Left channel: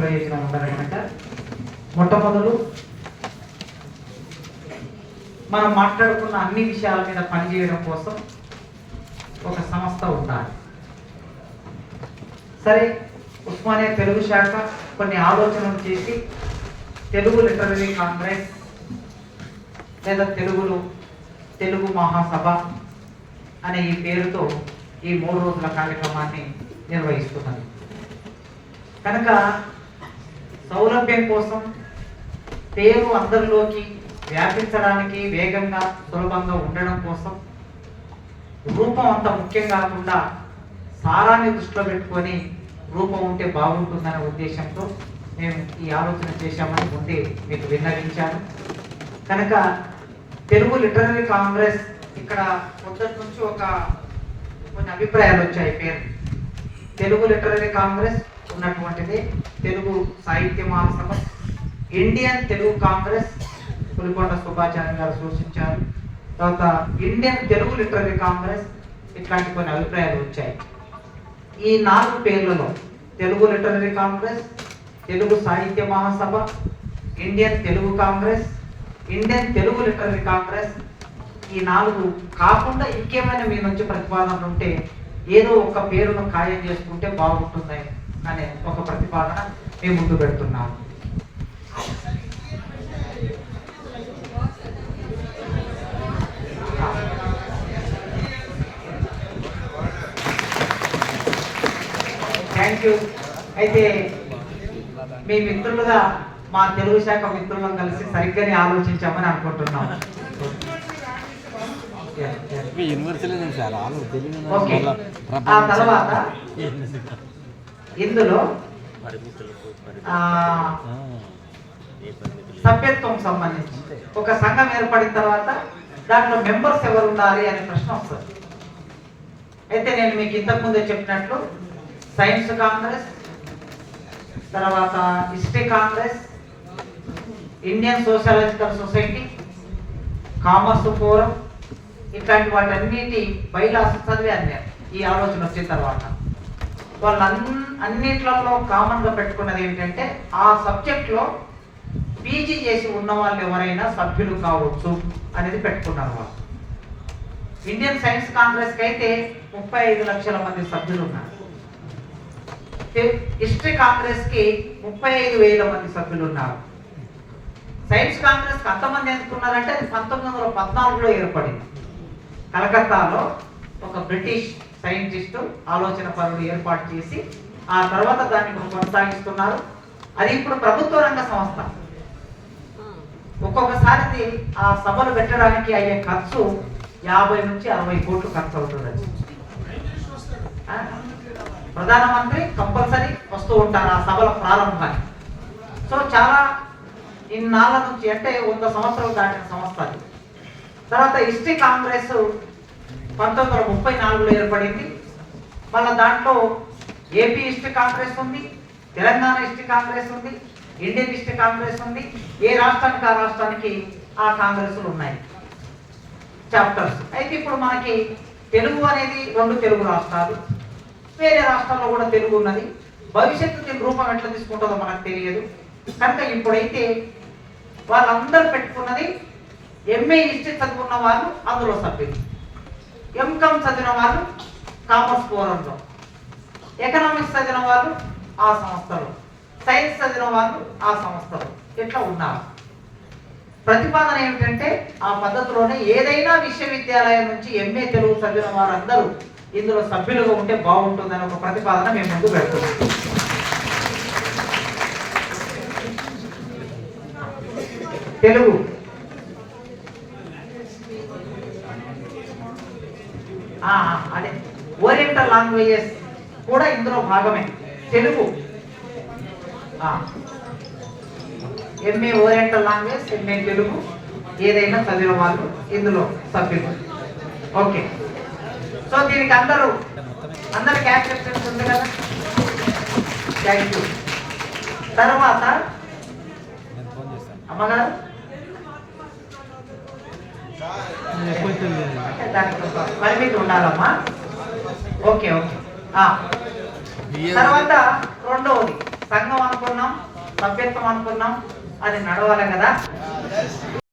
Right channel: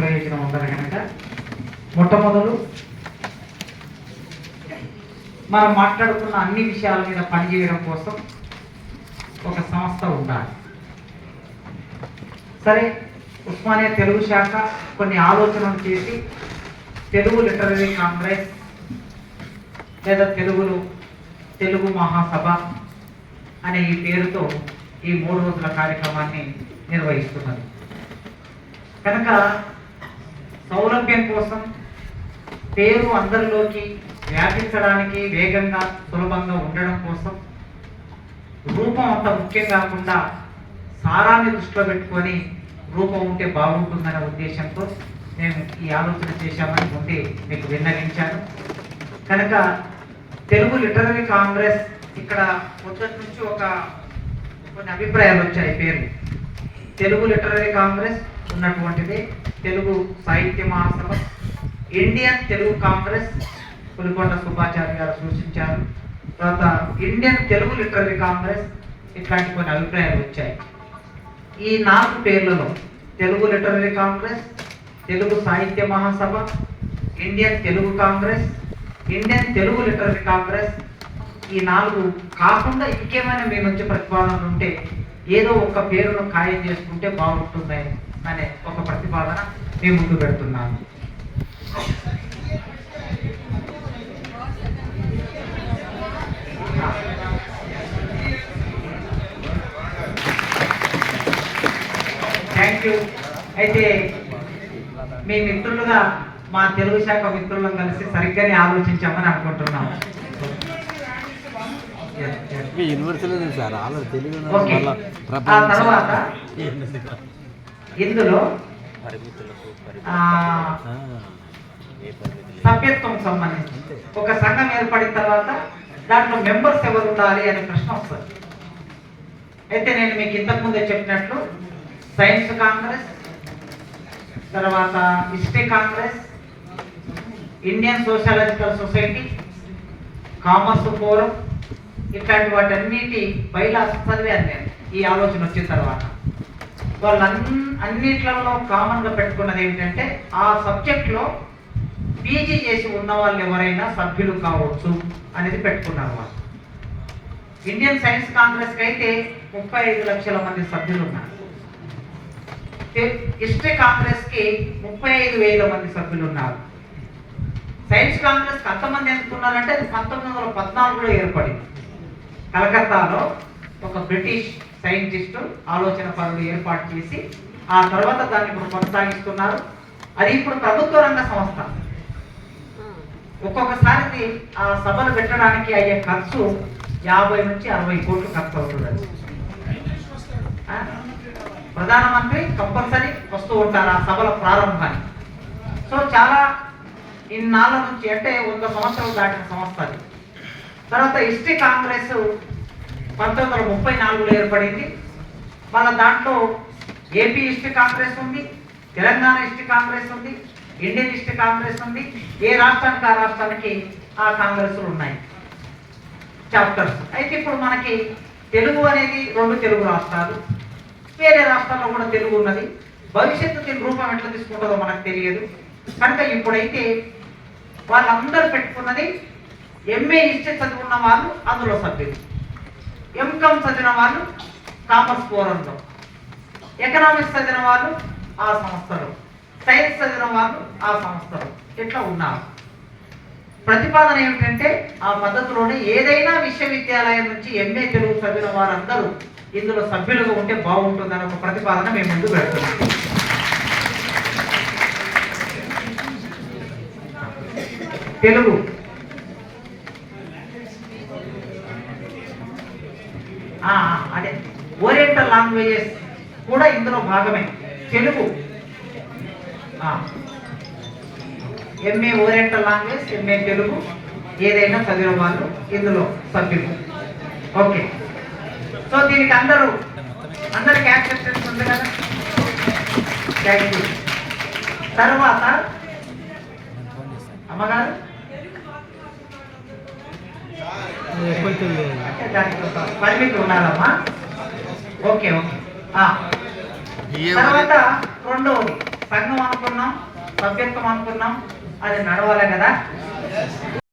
ప్రయోజనం ఉండదు కనుక మొట్టమొదలు మనం మాట్లాడుతున్న అన్ని విషయాల మీద పనిచేయడం కోసం ఒక సంస్థ ఉండాలి. సరే, ఉస్మానియా తెలుగు శాఖ కొన్ని ఆలోచనలు చేసి తెలుగు లిటరరీ కాంగ్రెస్ లేదా తెలుగు మహాసభ అనే ఈ పేరుతో ఈ 3 రోజుల కార్యక్రమాన్ని నిర్వహిస్తున్నది. కనుక సౌలభ్యం కోసం పేరు అందరిలోకి వ్యాపించడానికి వేగంగా సులభంగా ఉండడం కోసం రూపం అంత ముఖ్యం కాకుండా సారాన్ని దృష్టిలో పెట్టుకొని రూపం ఉంటే బాగుంటుందనే ఉద్దేశంతో మేము ఈ ఆలోచన చేశామని ముందే మీకు విన్నవించాను. కనుక తెలుగు లిటరరీ కాంగ్రెస్ ఇక్కడ మొదటి నుంచి కొన్ని అభిప్రాయాలు వచ్చాయి. పేరు తెలుగు లిటరరీ కాంగ్రెస్ ఉన్నటువంటిది తెలుగు సాహిత్య మహాసభ, ఇండియన్ తెలుగు కాంగ్రెస్ పులికొండ సుబ్బాచార్య గారు సూచించారు. తర్వాత ఇండియన్ తెలుగు లిటరరీ కాంగ్రెస్, ఇట్లాంటి కొన్ని అభిప్రాయాలు వచ్చాయి. ఈ 4 పేర్లలో Telugu Literary Congress, Telugu Sahitya Mahasabha, Indian Telugu Congress, Indian Telugu Literary Congress, ఈ 4 కాకుండా ఇంకేమైనా మీ నుంచి ప్రతిపాదనలు ఉంటే ఏదో ఒక పేరును ఖాయం చేసుకుంటే బాగుంటుంది అనే ఒక ప్రతిపాదన మేము ముందు పెడుతున్నాము. Thank you. అయితే మీ మిత్రులుగా మా తెలుగు శాఖ మిత్రులను కలిసి సరిగ్గానే ఆలోచించామని అనుకుంటున్నాము. ఆ తర్వాత ఇందులో సభ్యత్వం సంబంధించి ఒక సంఘం ఏర్పడిన తర్వాత దాంట్లో మెంబర్స్ ఎవరు ఉండాలి అనే ప్రశ్న వస్తుంది. అయితే నేను మీకు ఇంతకుముందే చెప్పినట్లు సైన్స్ కాంగ్రెస్, తర్వాత history Congress, Indian sociological society, commerce forum, ఇట్లాంటి వాటన్నిటి బైలాస్ చదివాను నేను. ఈ ఆలోచన వచ్చిన తర్వాత అన్నిట్లలో కామన్గా పెట్టుకున్నది ఏంటంటే ఆ సబ్జెక్ట్లో పీజీ చేసి ఉన్న వాళ్ళు ఎవరైనా సభ్యులు కావచ్చు అనేది పెట్టుకున్నారు వాళ్ళు. ఇండియన్ సైన్స్ కాంగ్రెస్కి అయితే 35 లక్షల మంది సభ్యులు ఉన్నారు. హిస్టరీ కాంగ్రెస్కి 35,000 మంది సభ్యులు ఉన్నారు. సైన్స్ కాంగ్రెస్కి అంతమంది ఎంత ఉన్నారంటే అది 1914లో ఏర్పడింది. కలకత్తాలో ఒక బ్రిటిష్ సైంటిస్టు ఆలోచన పరులు ఏర్పాటు చేసి ఆ తర్వాత దాన్ని ఇప్పుడు కొనసాగిస్తున్నారు. అది ఇప్పుడు ప్రభుత్వ రంగ సంస్థ. ఒక్కొక్కసారి ఆ సభలు పెట్టడానికి అయ్యే ఖర్చు 50 నుంచి 60 కోట్లు ఖర్చు అవుతుంది. ప్రధానమంత్రి కంపల్సరీ వస్తూ ఉంటారు ఆ సభల ప్రారంభానికి. సో చాలా ఇన్నాళ్ళ నుంచి అంటే 100 సంవత్సరాలు దాటిన సంస్థ అది. తర్వాత హిస్టరీ కాంగ్రెస్ 1934లో ఏర్పడింది. మళ్ళీ దాంట్లో ఏపీ హిస్టరీ కాంగ్రెస్ ఉంది, తెలంగాణ హిస్టరీ కాంగ్రెస్ ఉంది, ఇండియన్ హిస్టరీ కాంగ్రెస్ ఉంది. ఏ రాష్ట్రానికి ఆ రాష్ట్రానికి ఆ కాంగ్రెస్లు ఉన్నాయి, చాప్టర్స్. అయితే ఇప్పుడు మనకి తెలుగు అనేది 2 తెలుగు రాష్ట్రాలు, వేరే రాష్ట్రాల్లో కూడా తెలుగు ఉన్నది. భవిష్యత్తు దీని రూపం ఎట్లా తీసుకుంటుందో మనకు తెలియదు. కనుక ఇప్పుడైతే వాళ్ళందరూ పెట్టుకున్నది ఎంఏ హిస్టరీ చదువుకున్న వాళ్ళు అందులో సభ్యులు, ఎంకామ్ చదివిన వాళ్ళు కామర్స్ ఫోరంలో, ఎకనామిక్స్ చదివిన వాళ్ళు ఆ సంస్థలో, సైన్స్ చదివిన వాళ్ళు ఆ సంస్థలో ఇట్లా ఉన్నారు. ప్రతిపాదన ఏమిటంటే ఆ పద్ధతిలోనే ఏదైనా విశ్వవిద్యాలయం నుంచి ఎంఏ తెలుగు చదివిన వారందరూ ఇందులో సభ్యులుగా ఉంటే బాగుంటుందని ఒక ప్రతిపాదన మేము ముందు పెడుతున్నాం. తెలుగు అదే ఓరియంటల్ లాంగ్వేజెస్ కూడా ఇందులో భాగమే. Telugu MA oriental language, MA Telugu ఏదైనా చదివిన వాళ్ళు ఇందులో సభ్యులు. ఓకే, సో దీనికి అందరికి యాక్సెప్టెన్స్ ఉంది కదా. Thank you. తర్వాత అమ్మగారు పరిమితి ఉండాలమ్మా. Okay okay. తర్వాత రెండవది సంఘం అనుకున్నాం, సభ్యత్వం అనుకున్నాం, అది నడవాలి కదా.